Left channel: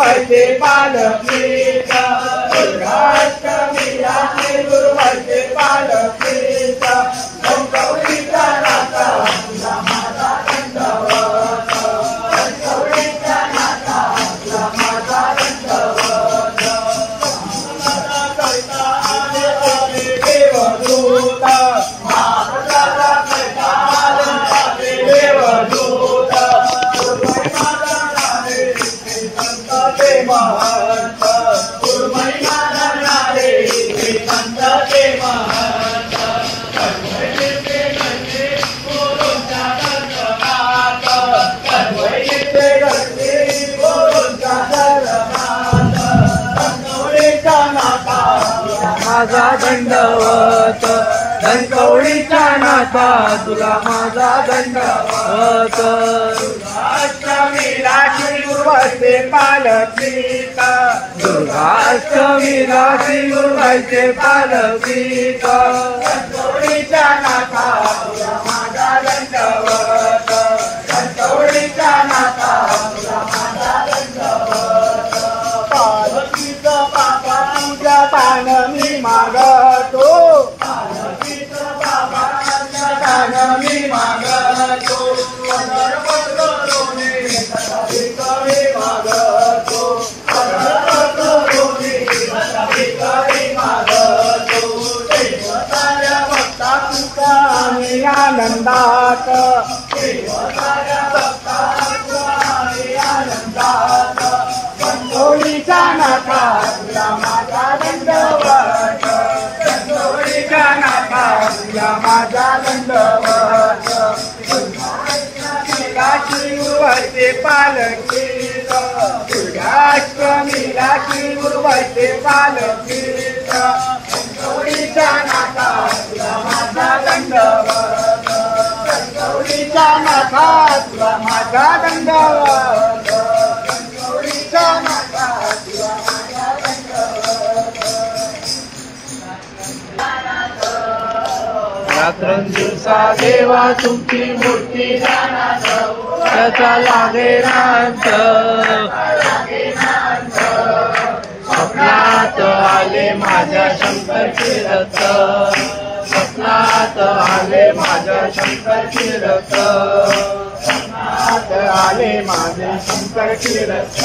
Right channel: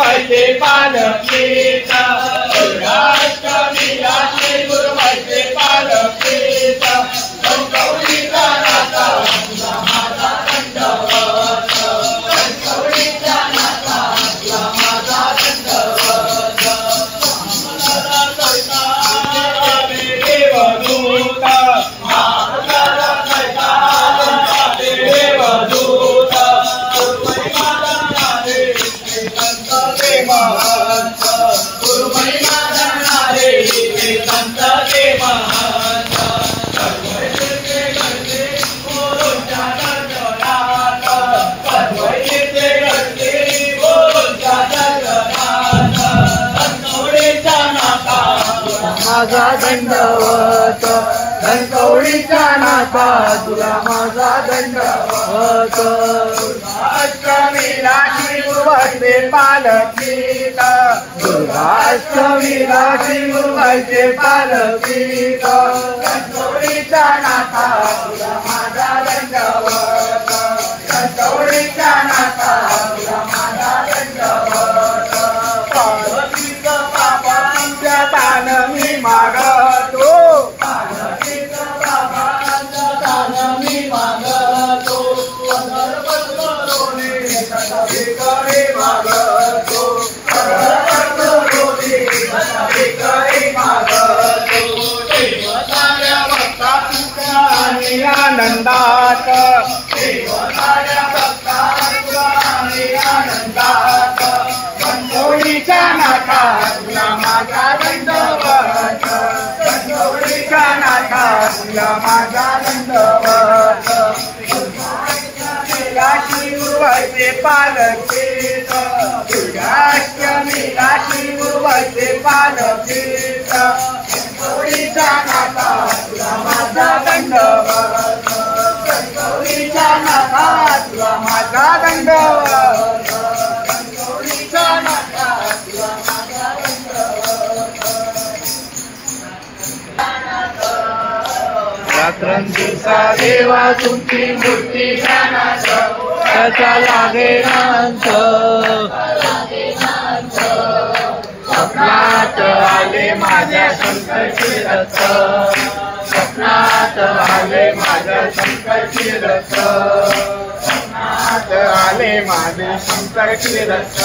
गुरुबाईचे पालखीचा दुर्गाष्टमीला श्री गुरुबाईचे पालखीचा गौरीचा नाता तुला माझा दंडवत गौरीचा नाता तुला माझा दंडवत देवदूत महाराजा कैताले देवदूत गुरुबाई माता रे संत ते महंत गुरुबाई माता रे संत ते महंत सर्वैते घडते गुरूंच्या दर्शनात सर्वैते घडते गुरूंच्या दर्शनात गौरीचा नाता माझा दंडवत गौरीचा नाथा तुला माझा दंडवत दुर्गाष्टमीला श्री गुरुबाईचे पालखीचा दुर्गाष्टमीला श्री गुरुबाईचे पालखीचा गौरीचा नाथा तुला माझा दंडवत गौरीचा नाथा तुला माझा दंडवत पार्वतीचं बाबा तुझ्या दान मी मागतो मी मागतो मागतो देवताऱ्या भक्ता तुका आणि आनंदात देवताऱ्या भक्ता तुका आणि आनंदात गौरीचा नाथा तुला माझा दंडवत गौरीचा नाथा तुला माझा दंडवत श्री गुरुबाईचे पालखीचा दुर्गाष्टमीला श्री गुरुबाईचे पालखीचा गौरीचा नाथा तुला माझा दंडवत गौरीचा नाथा तुला माझा दंडवत गौरीचा नाथा तुला माझा दंडवत रात्रंदिवसा देवा तुमची मूर्ती ध्यानात त्याचा लागेनांत स्वप्नात आले माझ्या शंकरची रथ स्वप्नात आले माझ्या शंकरची रथ स्वप्नात आले माझे शंकरची रथ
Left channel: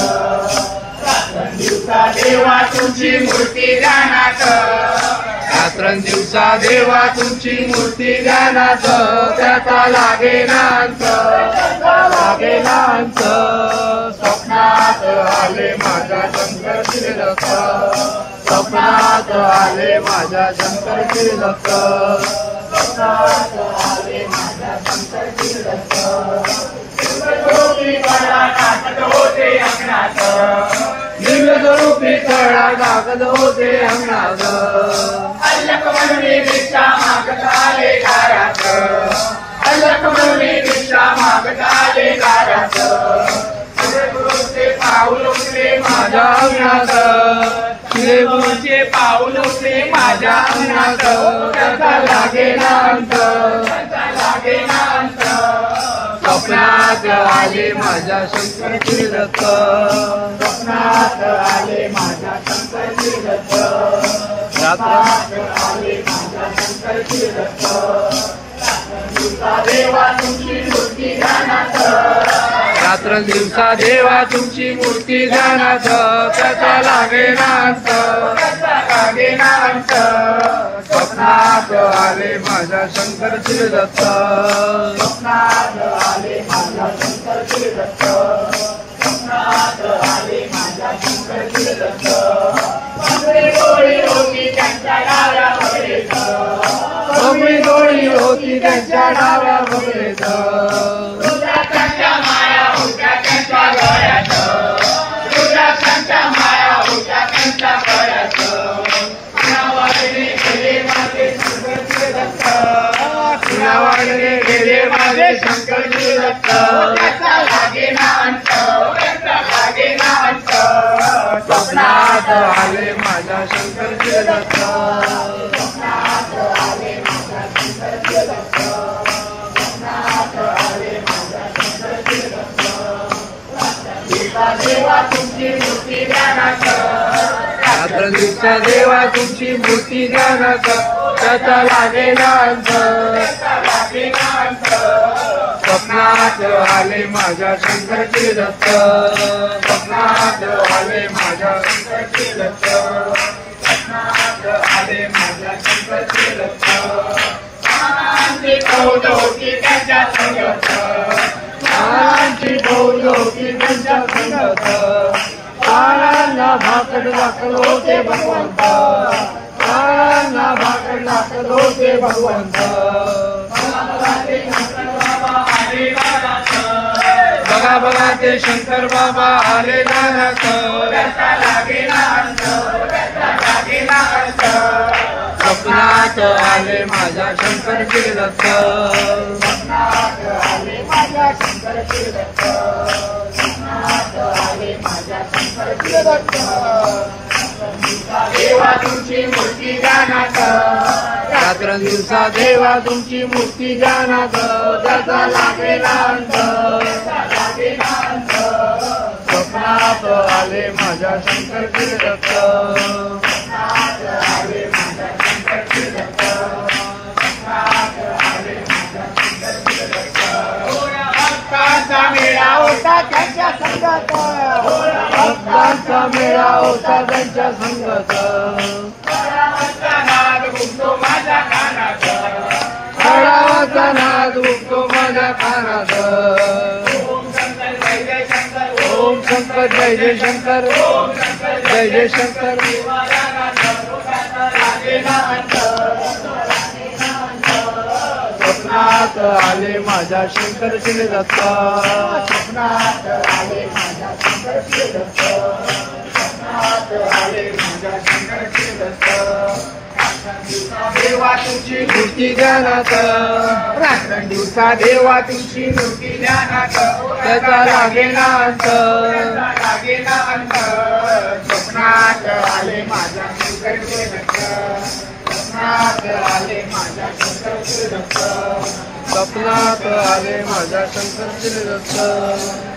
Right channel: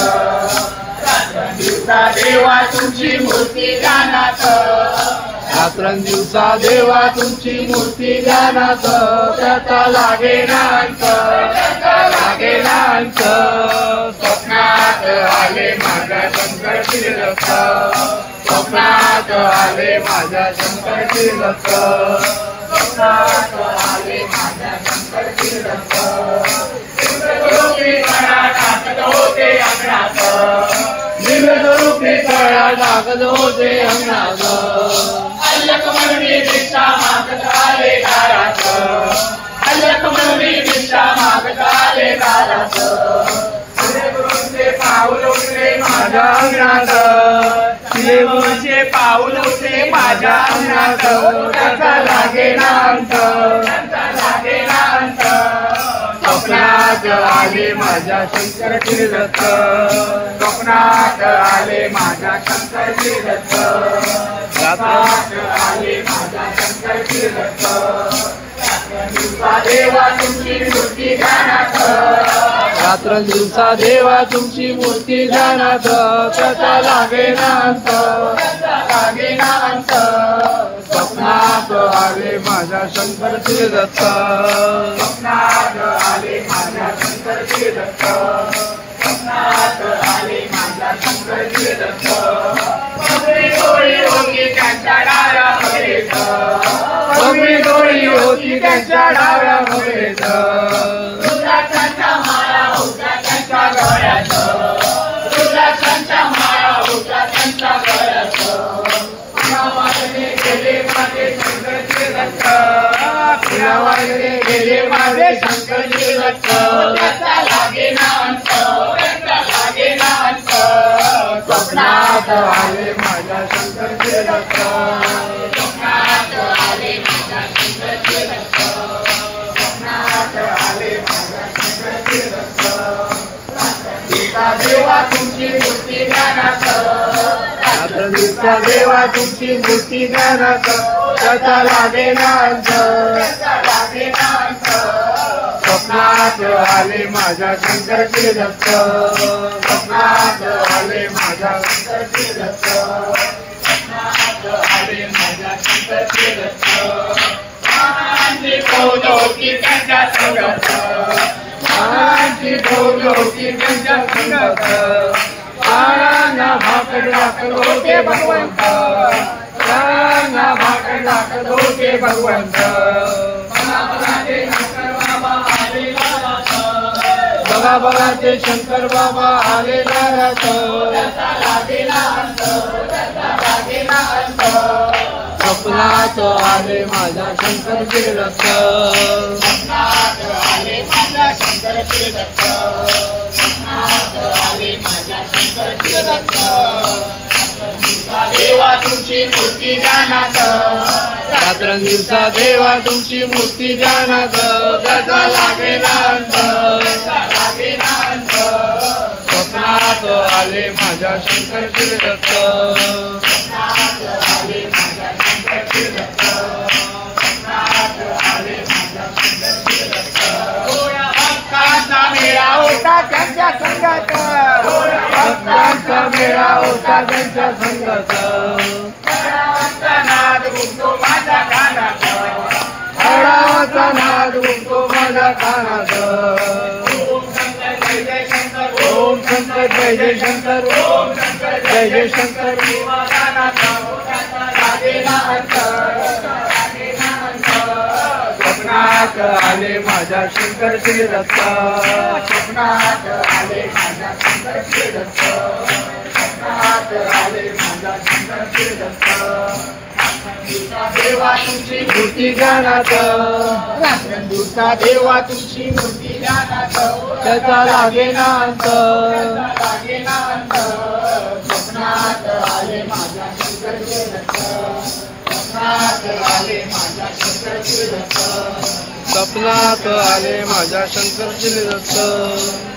रात्रंदिवसा देवा तुमची मूर्ती ध्यानात रात्रंदिवसा देवा तुमची मूर्ती ध्यानात त्याचा लागेनांत स्वप्नात आले माझ्या शंकरची रथ स्वप्नात आले माझ्या शंकरची रथ स्वप्नात आले माझ्या शंकरची रथ टाकत होते अंगणात दिव्यस्वरूपी तळा टाकत होते अंगणात अल्लक म्हणून भिक्षा मागत आले दारात अल्लक म्हणून भिक्षा मागत आले दारात गुरुचे पाऊल उठले माझ्या अंगणात गुरुचे पाऊल उठले माझ्या अंगणात त्याचा लागेनांत स्वप्नात आले माझ्या शंकरची रथ स्वप्नात आले माझ्या शंकरची रथ रात्रात आले माझ्या शंकरची रथ रात्रंदिवसा देवा तुमची मूर्ती ध्यानात रात्रंदिवसा देवा तुमची मूर्ती ध्यानात त्याचा लागेनांत स्वप्नात आले माझ्या शंकरची रथ स्वप्नात आले माझ्या शंकरची रथ स्वप्नात आले माझ्या शंकरची रथ बगळी डोळी होती त्यांच्या डाव्या बगळीत बगळी डोळी होती त्यांच्या डाव्या बगळीत रुद्राक्षांच्या माया होत्या त्यांच्या गळ्यात रुद्राक्षांच्या माया होत्या त्यांच्या गळ्यात गेले माझे शंकरचे रथ फुलावाडले गेले माझे शंकरचे रथ लागेनांत स्वप्नात आले माझ्या शंकरचे रथ स्वप्नात आले माझ्या शंकरचे रथ स्वप्नात आले माझ्या शंकरचे रथ देवा तुमची मूर्ती दिवसा देवा तुमची मूर्ती ध्यानात त्याचा लागेना अंत स्वप्नात आले माझ्या शंकरचे दत्त स्वप्नात आले माझ्या शंकरचे दत्त स्वप्नात आले माझ्या शंकरचे दत्त आनंदी बोल होती त्यांच्या संगत आनंदी बोल होती त्यांच्या संगत आनंदा भाकड दाखल होते भगवंत आनंदा भाकड दाखल होते भगवंत बघा बघा ते शंकर बाबा आले नारात स्वप्नात आले माझ्या शंकरचे दत्त स्वप्नात आले माझ्या शंकरचे दत्त स्वप्नात आले माझ्या शंकरचे दत्त देवा तुमची मूर्ती ध्यानात रात्रंदिवसा देवा तुमची मूर्ती ध्यानात त्याचा लागेना अंत स्वप्नात आले माझ्या शंकरचे दत्त स्वप्नात आले माझ्या शंकरचे दत्त स्वप्नात आले माझ्या शंकरचे दत्त भक्तांचा मेळा होता त्यांच्या संगत भक्तांचा मेळा होता त्यांच्या संगत नाद घुमतो माझ्या कानात हळाचा नाद घुमतो माझ्या कानात ओम शंकर जय जय शंकर ओम शंकर जय जय शंकर स्वप्नात आले माझ्या शंकरचे दत्त स्वप्नात आले माझ्या शंकरचे दत्त स्वप्नात आले माझ्या शंकरचे दत्त देवा तुमची मूर्ती ध्यानात रात्रंदिवसा देवा तुमची मूर्ती ध्यानात त्याचा लागेना अंत स्वप्नात आले माझ्या शंकरचे दत्त स्वप्नात आले माझ्या शंकरचे दत्त स्वप्नात आले माझ्या शंकरचे दत्त